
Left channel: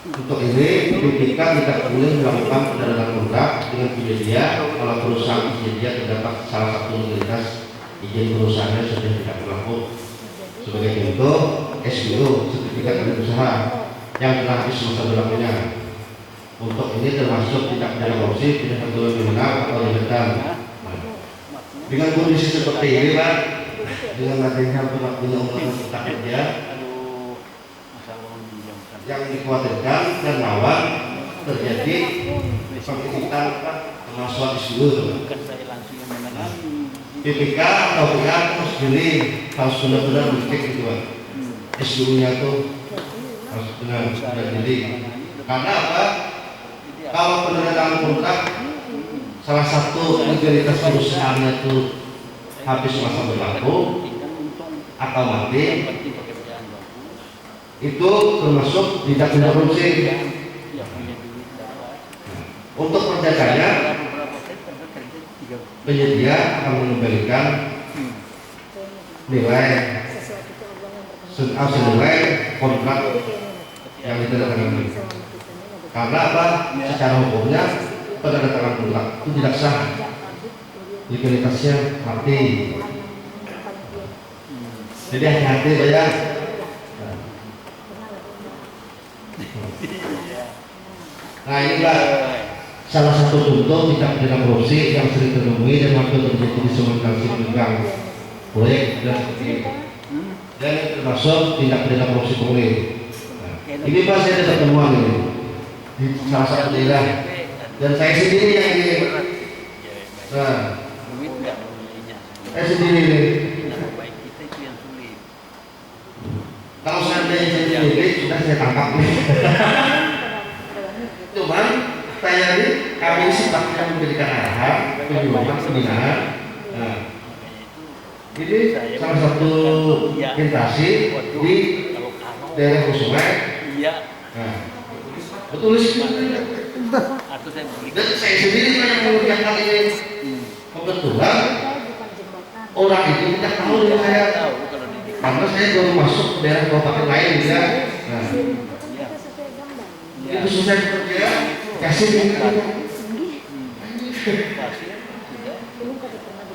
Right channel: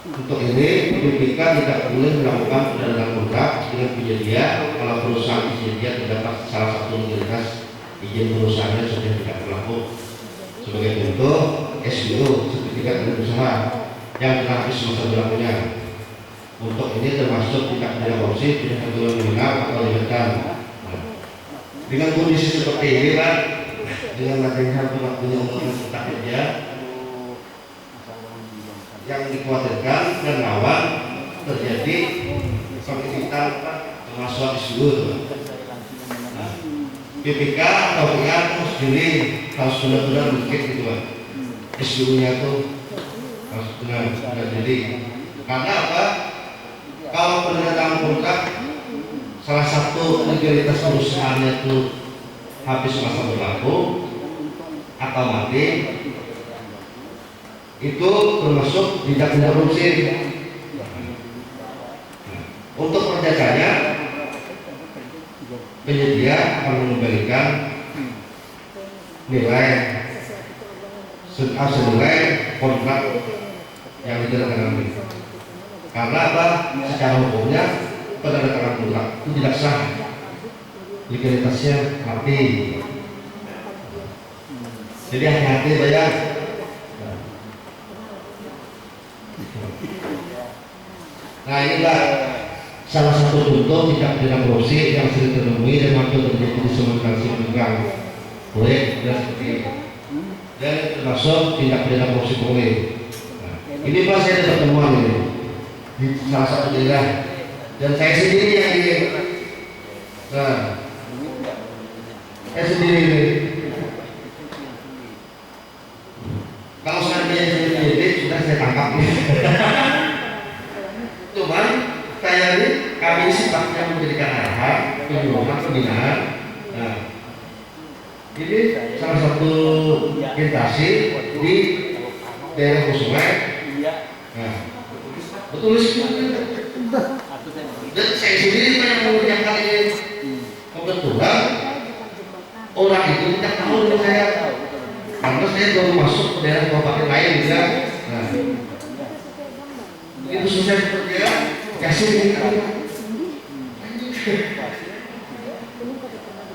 untuk ini BPK tidak boleh melakukan pendanaan kontrak dengan penyedia kalau perusahaan penyedia terdapat salah satu legalitas izin perusahaannya sudah tidak berlaku. Sebagai contoh, SBO, sertifikat badan usaha yang telah habis masa berlakunya. Untuk ini termasuk tidak pidana korupsi, tidak tertulis kriminal atau lindakan. Dengan kondisi seperti ini Pak, dengan adanya berlakunya undang-undang cipta kerja yang dikhawatirkan dan rawan terjadi pengisian pemalsuan SBO. BPK atau PK harus harus benar-benar dicek gitu Pak. SBO-nya itu harus benar-benar jadi. Karena apa? Kalau penandatangan kontrak salah satu legalitas perusahaannya itu habis masa berlaku atau mati, itu termasuk tindak pidana korupsi. Untuk perjakannya, penyedia akan mengembalikan nilai sesuai kontrak yang ditandatangani. Karena apa? Secara hukumnya penandatangan kontrak itu tidak sah, legalitasnya mati. Jadi hati-hati bayar. Nah inilah salah satu contoh tindak pidana korupsi yang sering ditemui dan hampir terjadi di semua bidang proyek dan seperti itu. Dan termasuk tindak pidana korupsi pungli. Nah, ini Pak, saya ada pertemuan ini di salah satu daerah dan saya sendiri yang ini. Nah, saya sendiri ini. Kalau seandainya saya sendiri sudah saya tangkap. Cuman saya ini kami sifatnya memberikan arahan, penyuluhan, pembinaan. Nah, ini salah satu orientasi di daerah Kusungai. Nah, betul sih. Dan saya sendiri banyak mengerjakan ini. Kebetulan orang itu tidak tahu dengan saya, karena saya baru masuk ke daerah kabupaten lain ya. Nah, itu susah kerja, kasih ini.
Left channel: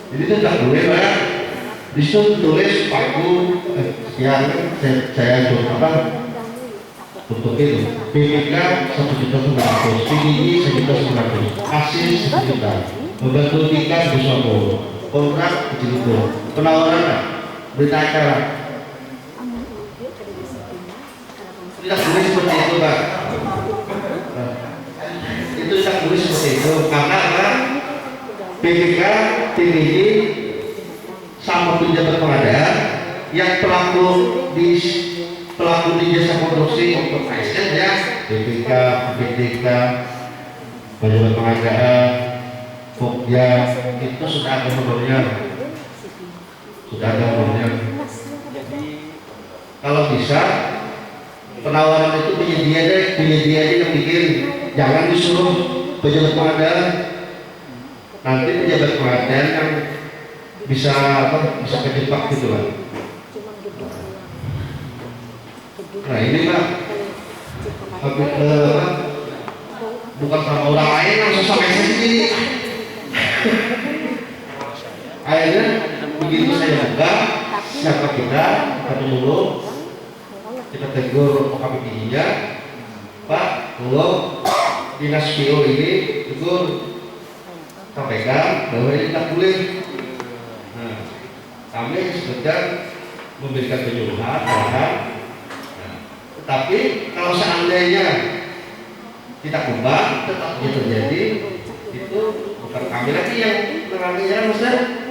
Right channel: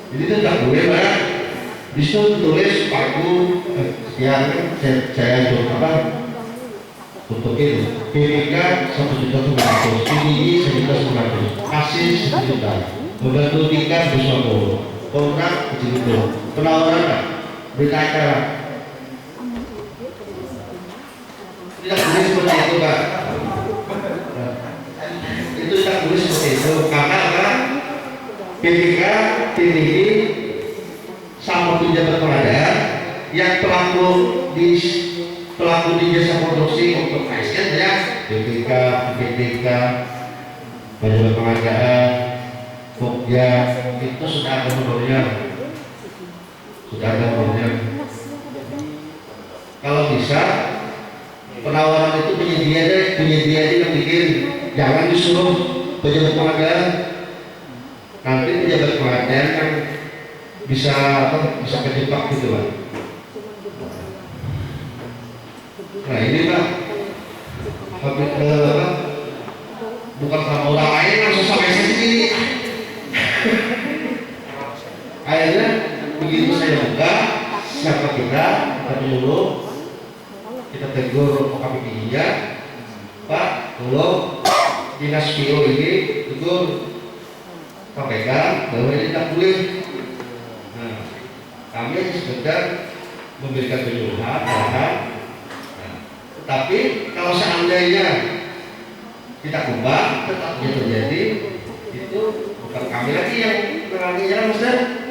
Jadi itu tidak boleh Pak. Di situ tulis paku yang saya apa untuk itu PPK 1.900.000, PDI 1.900.000, kasih 1 juta, membantu tingkat bersama kontrak begitu, penawaran berita acara tidak boleh seperti itu Pak. Itu tidak boleh seperti itu karena apa? PPK, PDI sama pejabat pengadaan yang pelaku di jasa produksi untuk ASN ya, BPK, PPK, pejabat pengadaan, Pokja itu sudah ada menurutnya, Kalau bisa penawaran itu penyedia yang bikin, jangan disuruh pejabat pengadaan. Nanti pejabat pengadaan kan bisa kejebak gitu Pak. Nah ini Pak, bukan sama orang lain, langsung sama saya sendiri. Akhirnya begitu saya buka siapa kita dulu, kita tegur OKPD-nya, Pak, kalau dinas PO ini tegur sampaikan bahwa ini tidak boleh. Kami sekedar memberikan penyuluhan, tetapi kalau seandainya kita ubah tetap terjadi, itu bukan kami lagi yang mengalaminya, Ustaz.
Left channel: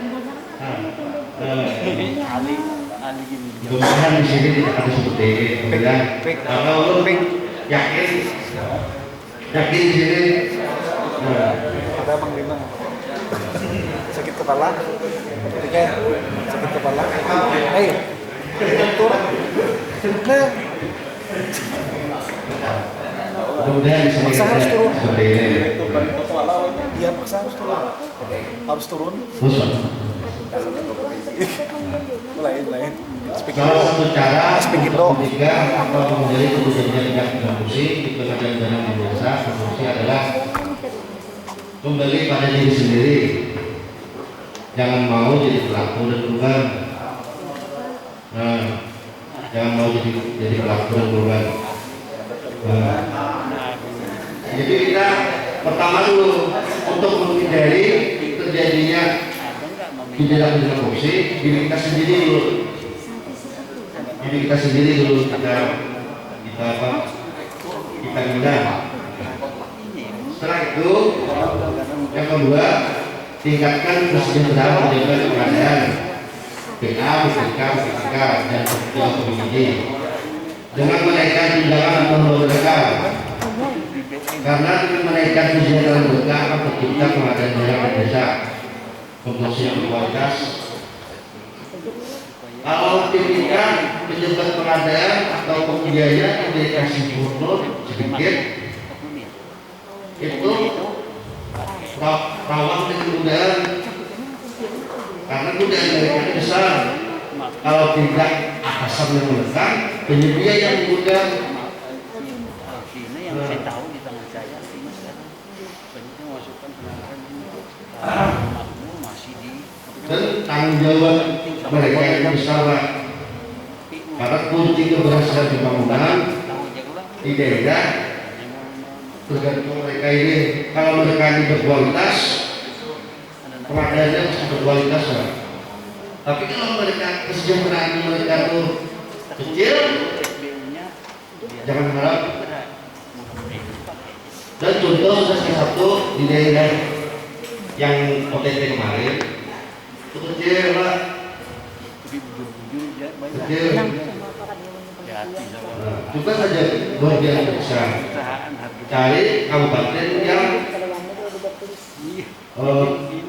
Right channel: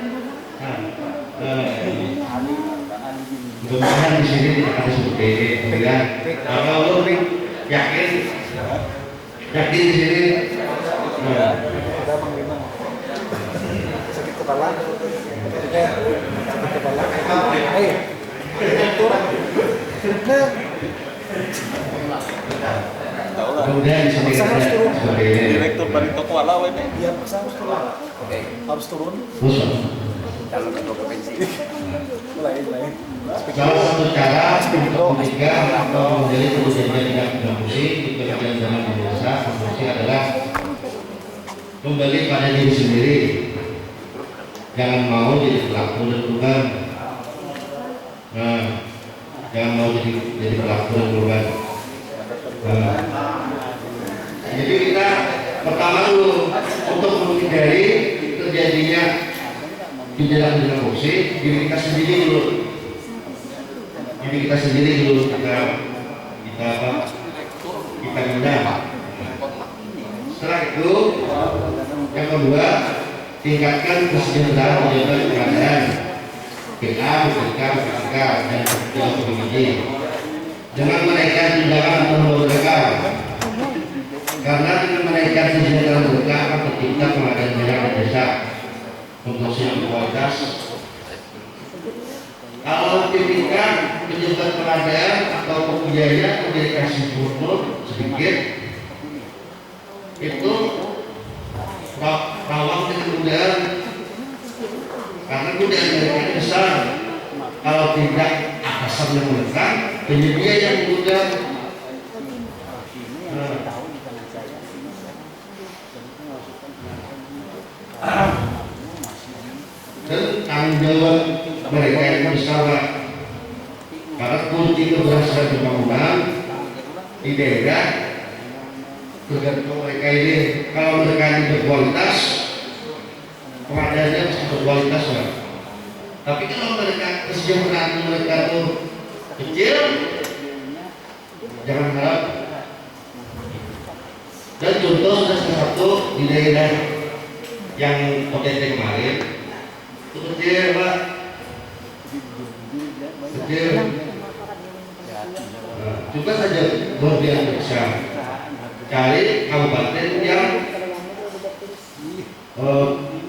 Mudah-mudahan di sini tidak ada seperti ini. Kalau yakin di sini. Ada Bang Bima sakit kepala, sakit kepala. Ayo, turun. Nah, mudah-mudahan di sini harus turun. Direktur dari kepala, iya paksa harus turun. Harus turun. Lain. Salah satu cara mencegah atau menjadi terjadinya tindak pidana korupsi di pengadilan desa korupsi adalah kembali pada diri sendiri. Jangan mau jadi pelaku dan korban. Jangan mau jadi pelaku dan korban. Jadi kita pertama dulu untuk menghindari terjadinya tindak pidana korupsi, diri kita sendiri dulu. Kita undang. Setelah itu, yang kedua, tingkatkan kesejahteraan pejabat pengadaan, PA, BPK, dan PPD dengan menaikkan tunjangan atau mereka. Karena dengan menaikkan kesejahteraan mereka akan tercipta pengadaan daerah dan desa, promosi yang berkualitas. Kalau PPK menunjukkan pengadaan atau pembiayaan komunikasi buruk sedikit itu rawan kemudahan karena kemudahan mereka besar. Kalau tidak atasan yang menekan, penyedia yang mudah. Dan tanggung jawab mereka yang besar karena kunci keberhasilan pembangunan di daerah tergantung mereka ini. Kalau mereka ini berkualitas, pengadaannya mesti berkualitas lah. Tapi kalau mereka kesejahteraan mereka tuh kecil, jangan harap. Dan contoh sudah salah satu di daerah yang OTT kemarin itu kecil Pak, kecil. Nah, juga saja luar biasa besar. Cari kabupaten yang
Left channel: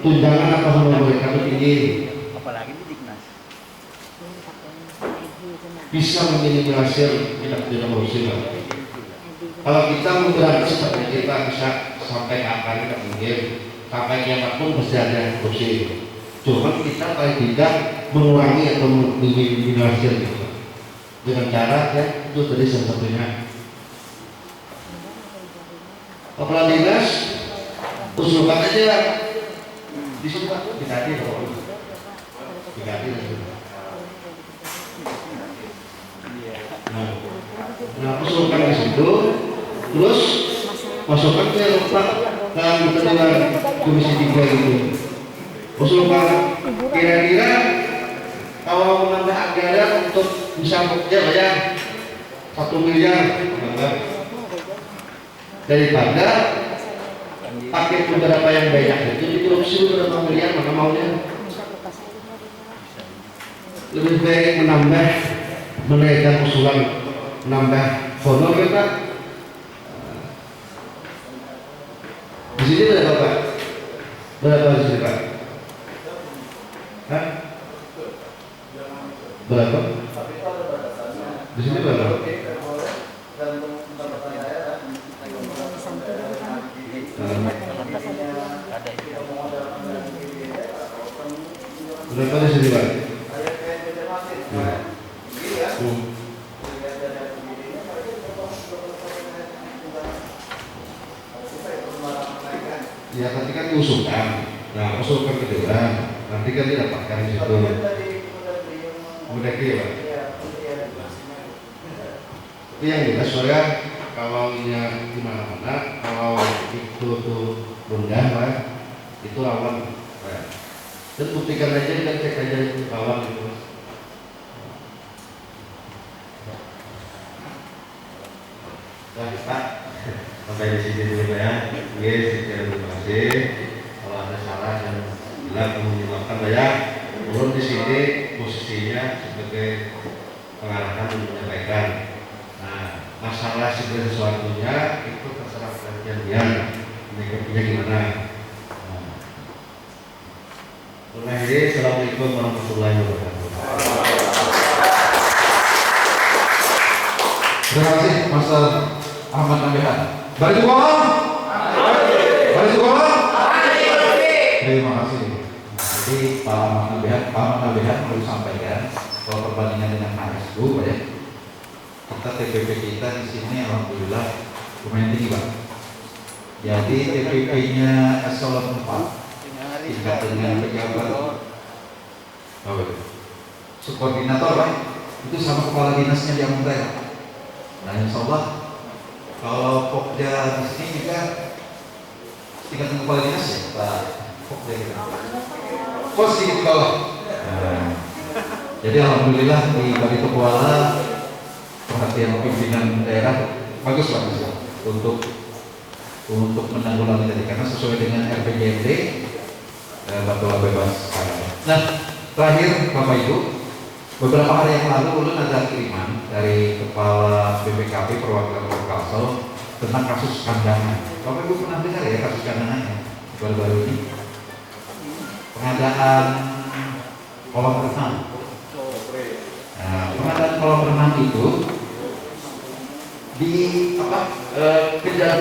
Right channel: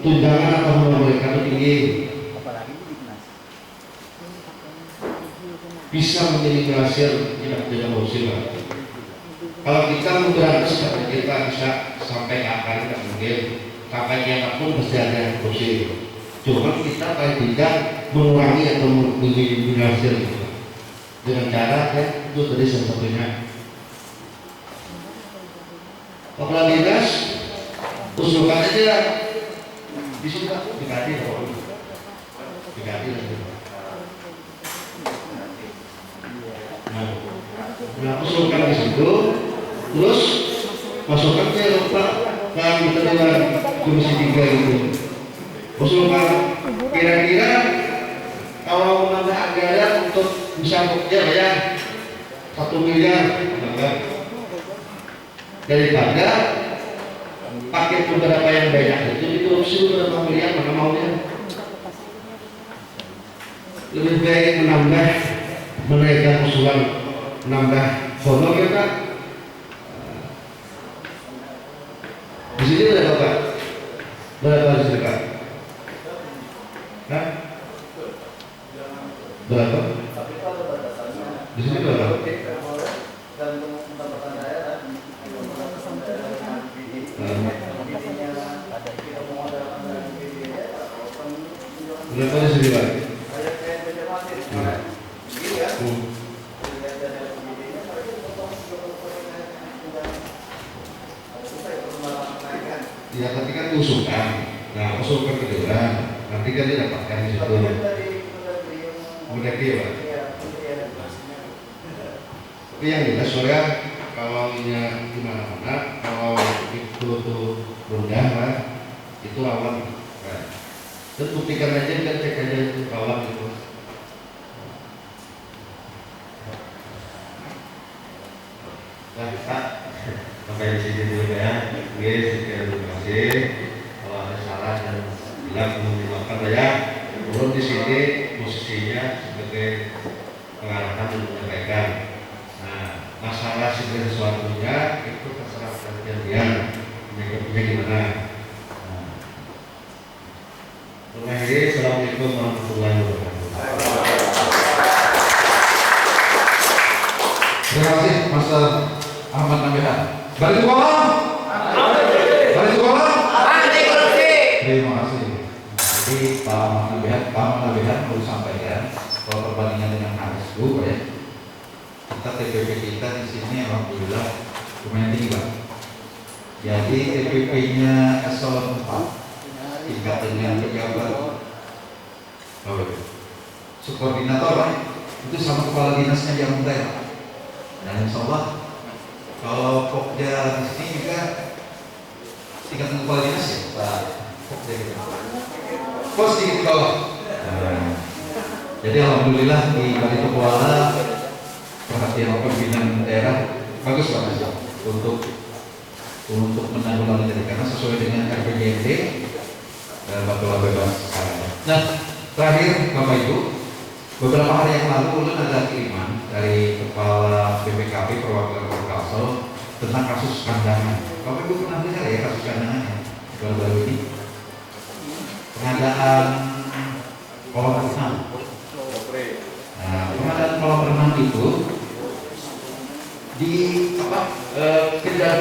tunjangan atau honor mereka itu tinggi, bisa meminimalisir tindak pidana korupsi. Kalau kita memberantas seperti kita bisa sampai kapan tidak mungkin, sampai kiamat pun pasti ada korupsi. Cuma kita paling tidak mengurangi atau meminimalisir gitu. Dengan cara ya itu tadi salah satunya. Kepala dinas usulkan aja di situ Pak, diganti loh, diganti lah. Nah, usulkan di situ, terus masukkan ke Pak ke anggota dewan komisi 3 itu. Usulkan kira-kira kalau menambah anggaran untuk bisa bayar 1 miliar daripada paket beberapa yang banyak itu dikorupsi berapa miliar, mana maunya lebih baik menambah menaikkan usulan menambah honor ya Pak. Di sini berapa Pak? Berapa di sini Pak? Hah? Berapa? Di sini berapa? Berapa di sini Pak? Ya tadi kan diusulkan, nah usulkan ke dewan, nanti kan didapatkan di situ. Udah dia Pak. Tapi yang jelas saya kalau ini gimana, kalau itu tuh rendah Pak, itu lawan. Dan buktikan aja, kan cek aja itu lawan itu. Nah Pak, sampai di sini dulu ya. Sekian, terima kasih. Kalau ada salah dan bilang menggunakan ya, turun di sini posisinya sebagai pengarahan dan menyampaikan. Nah, masalah segala sesuatunya itu terserah kalian, menyikapinya gimana. Mengakhiri, assalamualaikum warahmatullahi wabarakatuh. Terima kasih Mas Ahmad Nabihan. Balik kolom. Balik kolom. Terima kasih. Jadi Pak Ahmad Nabihan mau sampaikan kalau perbandingan dengan HSU ya, kita TPP kita di sini alhamdulillah lumayan tinggi Pak. Jadi TPP-nya eselon 4 tingkat dengan pejabat subkoordinator Pak, itu sama kepala dinasnya di Amuntai Pak. Nah insya Allah kalau Pokja di sini juga tingkat kepala dinas ya Pak Pokja gitu. Pos di bawah. Jadi alhamdulillah di Bali Kuala perhatian pimpinan daerah bagus Pak untuk menanggulangi tadi karena sesuai dengan RPJMD Batola bebas. Nah terakhir Bapak Ibu, beberapa hari yang lalu ulun ada kiriman dari Kepala BPKP Perwakilan Kalsel tentang kasus kandangan. Bapak Ibu pernah dengar ya kasus kandangannya baru-baru ini? Pengadaan kolam renang. Nah, pengadaan kolam renang itu di kejadian